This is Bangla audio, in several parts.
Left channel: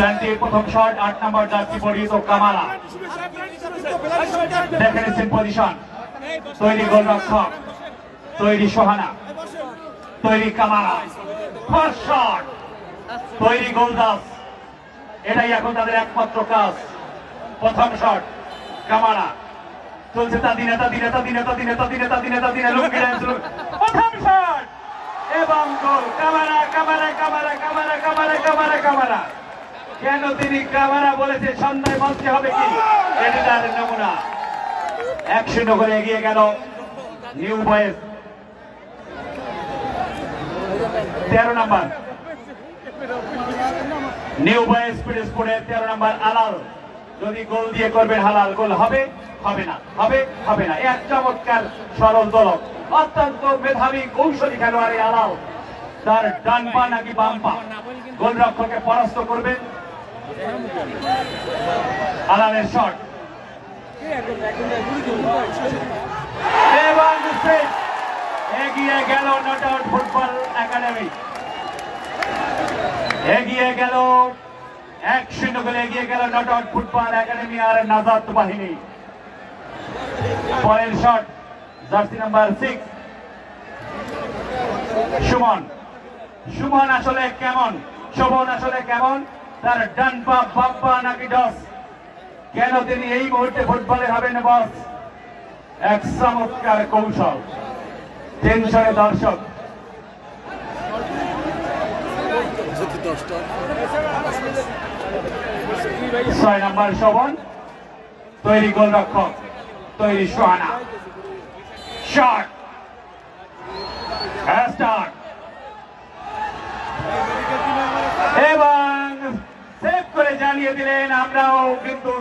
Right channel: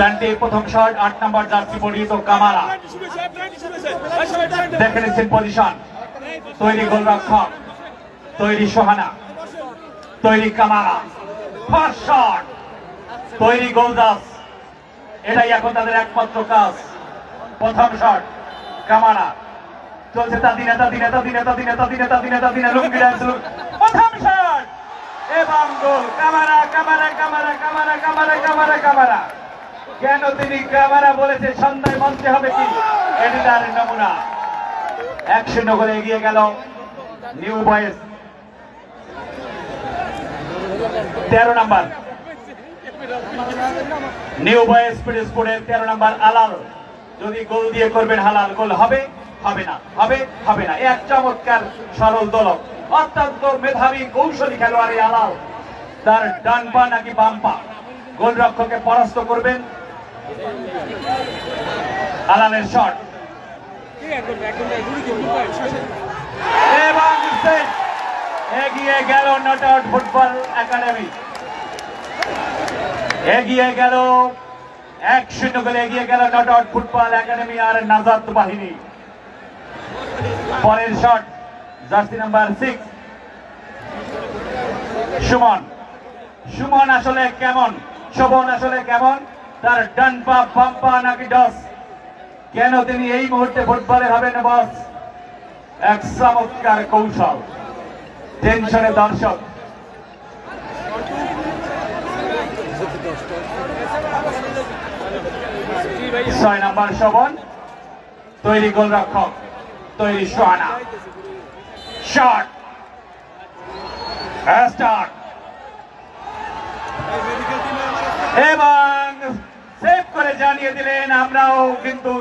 প্ল্যান্টে প্রথম শট 8 নম্বর জার্সি পরিহিত কামারা দেখে নিচ্ছেন পজিশন তৈরি গোলরক্ষক তৈরি সোহানা তৈরি কামারা ফার্স্ট শট তৈরি গোলদাস এটাই এখন তাদের একমাত্র কাজ প্রথম শট কামারা চলছে তাদিনে প্রথম শট এবং goal Camara Camara Camara Camara Camara Camara Camara কেন তিনি কামারা বলেছে সন্ধ্যায় মঞ্চে হবে কি এডিটার নমুনা 1-0 করে এগিয়ে গেল নিউ বয়েজ 13 নম্বর নিউ বয়েজ স্পোর্টের 13 নম্বর আলাল যদি গোল দিয়ে করবেন হালাল গোল হবে হবে না হবে হবে না এক চমৎকার সরল দলক অত্যন্ত মেধাবী কৌশলী খেলোয়াড়ি আলাল তার ডান পা নাকি বাম পা গোলরক্ষককে পরাস্ত করবেন আলালের শট এবং এগিয়ে গেল নট আউট ফুটবল একাডেমি এগিয়ে গেল 1-0 করে এগিয়ে গেল নট আউট ফুটবল একাডেমি আর নাজাত বাহিনী পরের শট জার্সি নাম্বার 6 সুমন আসলে কেমন শোভন আসলে কেমন তার ডান পা বাম পা নাকি ডস কেন তিনি এই মুহূর্তে ফুটবলে হবেন বস এক চমৎকার কৌশল টেনশনে দর্শক ছয় নম্বর শোভন তৈরি গোলরক্ষক তৈরি সোহানা শট স্টার্ট এবং সেভ করে জানিয়ে দিলেন আমরাও কিন্তু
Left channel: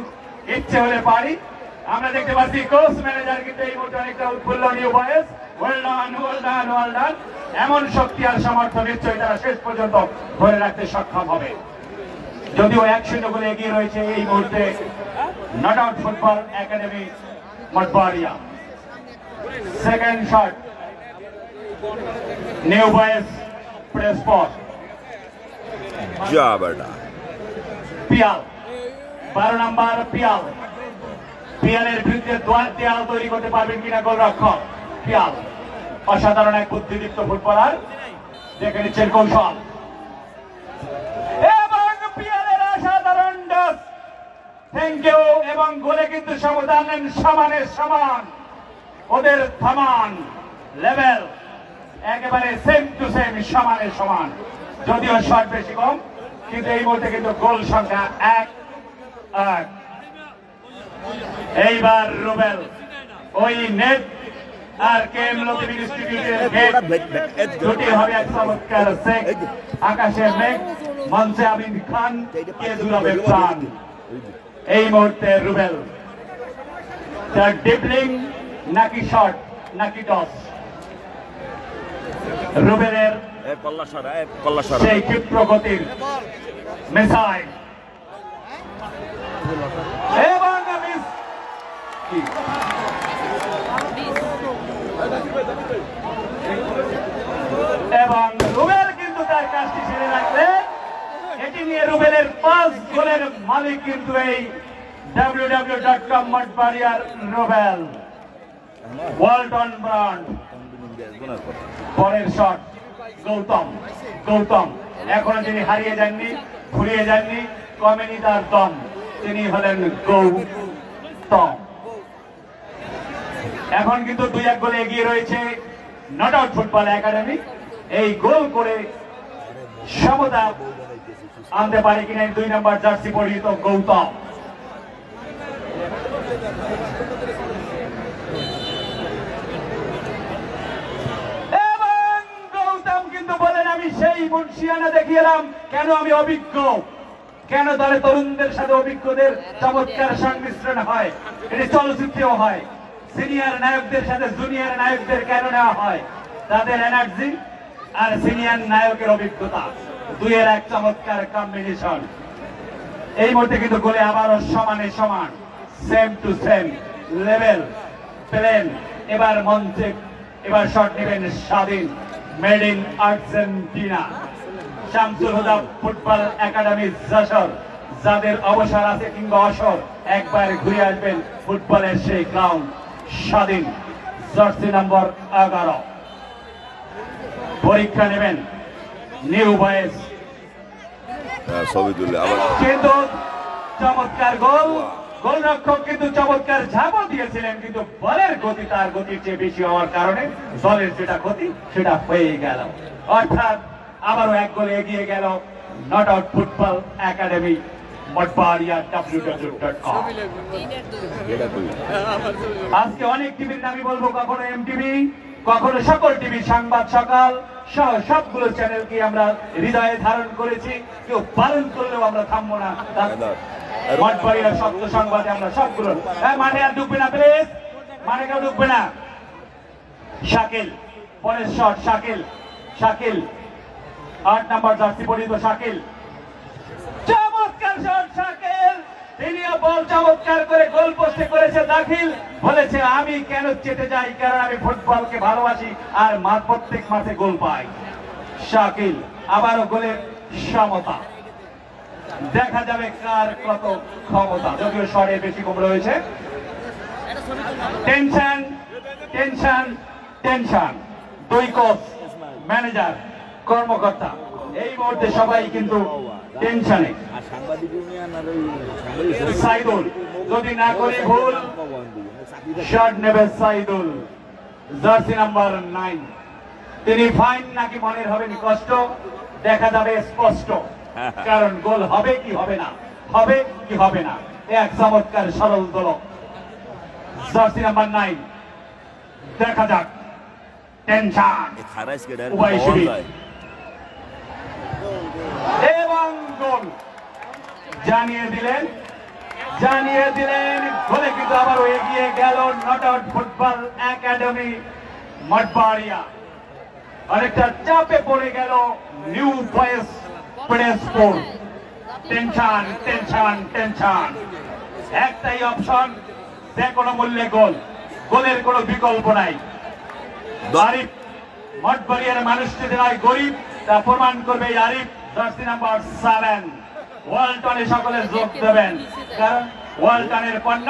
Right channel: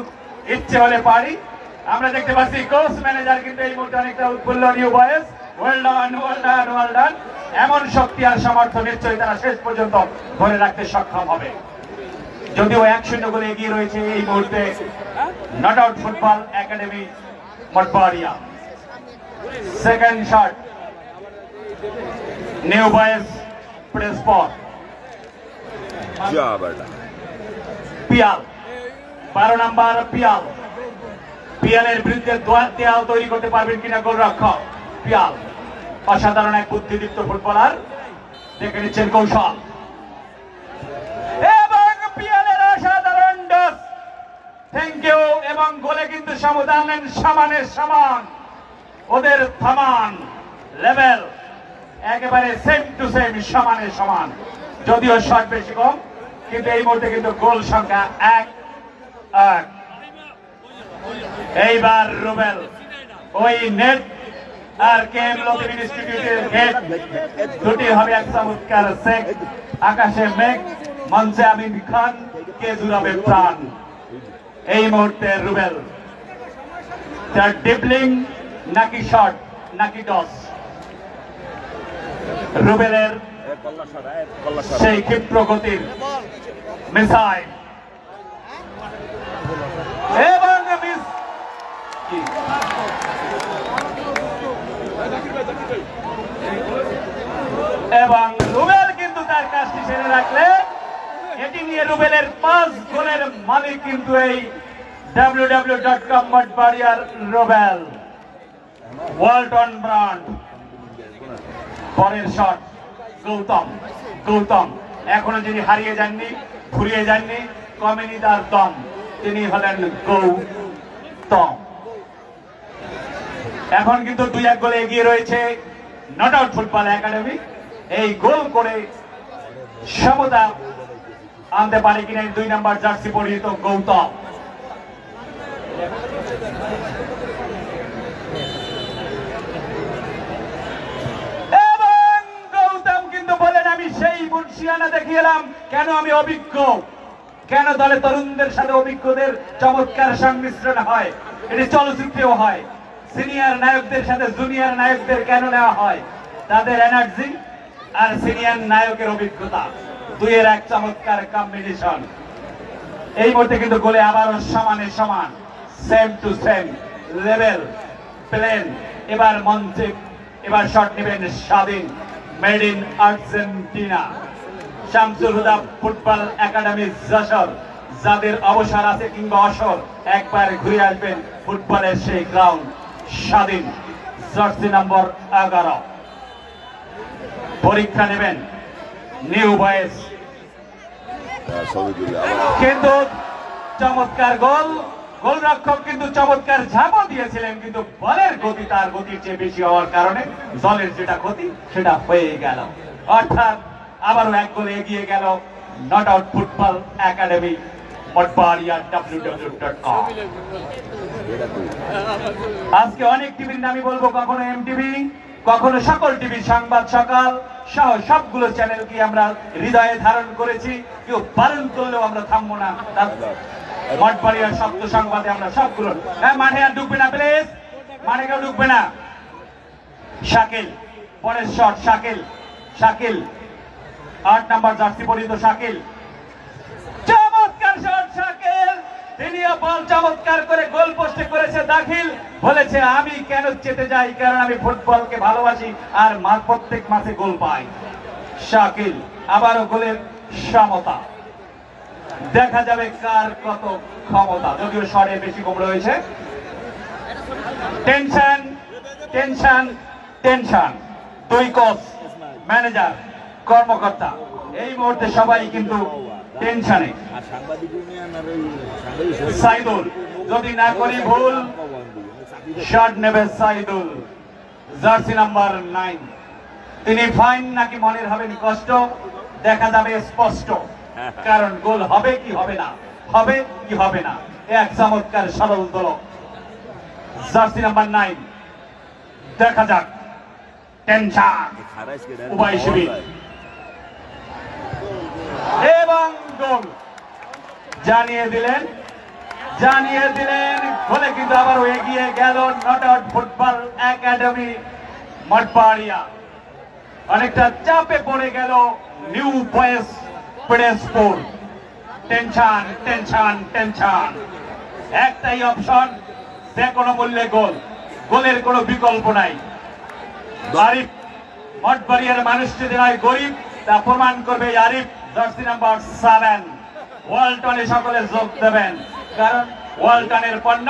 ইচ্ছে হলে পারি আমরা দেখতে পাচ্ছি কোচ ম্যানেজার কিন্তু এই মুহূর্তে অনেকটা উৎফুল্ল নিউ বয়েজ ওয়েল ডান এমন শক্তি আর সামর্থ্য নিশ্চয়ই তারা শেষ পর্যন্ত ধরে রাখতে সক্ষম হবে যদিও 1-0 করে এগিয়ে রয়েছে এই মুহূর্তে not out football academy Mathbaria second shot new boys press spot Piyal 12 নম্বর পিয়ালের বিরুদ্ধে দেয়াল তৈরি করতে পারবেন কিনা গোলরক্ষক পিয়াল অসাধারণ এক বুদ্ধিদীপ্ত ফুটবলার দেখে নিচ্ছেন কৌশল এবং পিয়ালের অসাধারণ ডস থ্যাংক ইউ এবং গোলে কিন্তু সমদান সমানের সমান ওদের থামান লেভেল একেবারে সেম টু সেম সমানের সমান যদিও শট বেশি কম কিন্তু এই মুহূর্তে কিন্তু গোল সংখ্যা 1-1 এইবার রুবেল ওই নেট আর কেএম লতিফ ইনস্টিটিউটের গেট দুটি হবে এক চমৎকার সেক আকাশে মেঘ মঞ্চে আমিন খান কে জুড়াবে প্রাণ এই মুহূর্তে রুবেল তার ডিপলিং নাকি শট নাকি টস রুবেলের সেই ক্ষিপ্র গতির মিসাইল এবং মিস এবং রুবেল কিন্তু তার কাজটি সেরে রাখলে এটি নিয়ে রুবেলের 5 গোলের মালিক কিন্তু এই www.com মঠবাড়িয়ার রুবেল ওয়ালটন ব্র্যান্ড পরের শট গৌতম এখনো যিনি হারিয়ে যাননি ঘুরিয়ে যাননি কমেনি তার দম তিনি হলেন গৌতম এখন কিন্তু 2-1 গোলে এগিয়ে রয়েছে নট আউট ফুটবল একাডেমি এই গোল করে সমতা আনতে পারে কিনা 2 নম্বর জার্সি পরিহিত গৌতম এবং গৌতম কিন্তু বলেন আমি সেই মুন্সিয়ানা দেখিয়ে এলাম কেন আমি অভিজ্ঞ কেন দলে তরুণদের সাথে অভিজ্ঞদের চমৎকার সংমিশ্রণ হয় এটি চলচ্চিত্রেও হয় সিনিয়র নায়কদের সাথে জুনিয়র নায়কদের কেন নেওয়া হয় তাদের এনার্জি আর সিনিয়র নায়কের অভিজ্ঞতা দুইয়ের এক চমৎকার কম্বিনেশন এই মুহূর্তে কিন্তু গোলে আবারও সমানে সমান same to same level plane এবার মঞ্চে এবার শট নেবেন স্বাধীন made in Argentina Shamsul Huda football academy Jessore যাদের অবসর আছে কিংবা অসর একবার ঘুরে আসবেন ফুটবলের সেই গ্রাউন্ড স্বাধীন। জার্সি নম্বর 11 পরীক্ষা নেবেন নিউ বয়েস, কিন্তু চমৎকার গোল, গোলরক্ষক কিন্তু চমৎকার ঝাঁপও দিয়েছিলেন, কিন্তু বলের গতি তার গতির চেয়ে বেশি হওয়ার কারণে দলের যেটা ক্ষতি সেটা হয়ে গেল। অর্থাৎ আবারও এক গোলে এগিয়ে গেল not out football academy Mathbaria www.com। আজকে অনেক টিভির নামই বলবো, কখনো এমটিভি, কখনো সকল টিভি, সংবাদ সকাল সহ সবগুলো চ্যানেলকে আমরা হৃদয়ে ধারণ করেছি, কেউ পালন করলেও আমরা থামবো না। মঠবাড়িয়ার শব্দ সংবাদে আমরা সবগুলো, মাঠে আর ঢুকবে না প্লিজ, মাঠে কেউ ঢুকবে না। শাকিল পরের শট, শাকিল, শাকিল 8 নম্বর জার্সি পরিহিত শাকিল, চমৎকার শট শাকিল, তিনিও বল চমৎকার করে গোল পোস্টে করেছে দাখিল। বলেছে আমি কেন চেতে যাই, কারণ আমি ফুটবলকে ভালোবাসি আর প্রত্যেক মাসে গোল পাই। শাকিল আবারও গোলের সমতা, দেখা যাবে কার কত ক্ষমতা, যদিও শটে বেশি কম রয়েছে। টেনশন টেনশন টেনশন, দুই কোচ, ম্যানেজার, কর্মকর্তা এই মুহূর্তে সবাই কিন্তু টেনশনে। সাইদুল যদি না করে ভুল শট নেবে সাইদুল, জার্সি নাম্বার 9। তিনি ফাইন নাকি মনের হবেন কষ্ট, দেখা যাবে স্পষ্ট, কারণ গোল হবে কি হবে না, হবে কি হবে না। এক চমৎকার সরল দল, জার্সি নাম্বার 9, দেখা যাক। টেনশন উভয় শিবির এবং গোল জানিয়ে দিলেন বলে কিন্তু আবার এগিয়ে গেল not out football academy Mathbaria. অনেকটা চাপে পড়ে গেল নিউ বয়েস পিরোজপুর। টেনশন টেনশন টেনশন, একটাই অপশন, যে কোনো মূল্যে গোল, গোলের কোনো বিকল্প নাই। আরিফ মঠবাড়িয়ার মানুষ যদি নয় গরিব, তা প্রমাণ করবে আরিফ, জার্সি নাম্বার 7। ওয়ালটনে সকলে যোগ দেবেন, কারণ ওয়ালটনের পণ্য।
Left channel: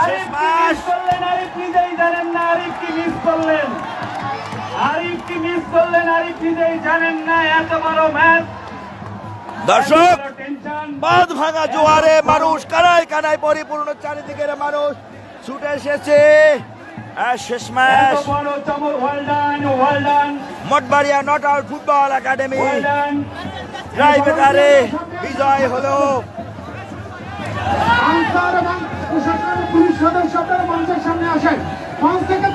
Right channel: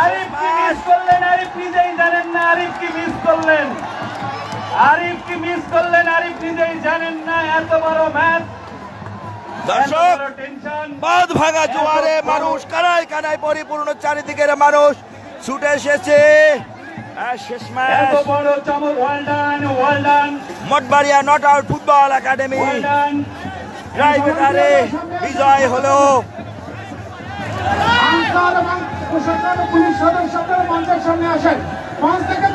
আরিফ কি মিস করলেন, আরিফ নিজেই জানেন না আরিফ কি মিস করলেন, আরিফ কি মিস করলেন, আরিফ নিজেই জানেন না। এত বড় ম্যাচ, দর্শক বাঁধ ভাঙা জোয়ারে মানুষ কানায় কানায় পরিপূর্ণ, চারিদিকের মানুষ ছুটে এসেছে। শেষ match Mathbaria not out football academy ট্রাইবেকারে বিজয় হলো। পুলিশ সদস্যদের মঞ্চের সামনে আসেন, মঞ্চ থেকে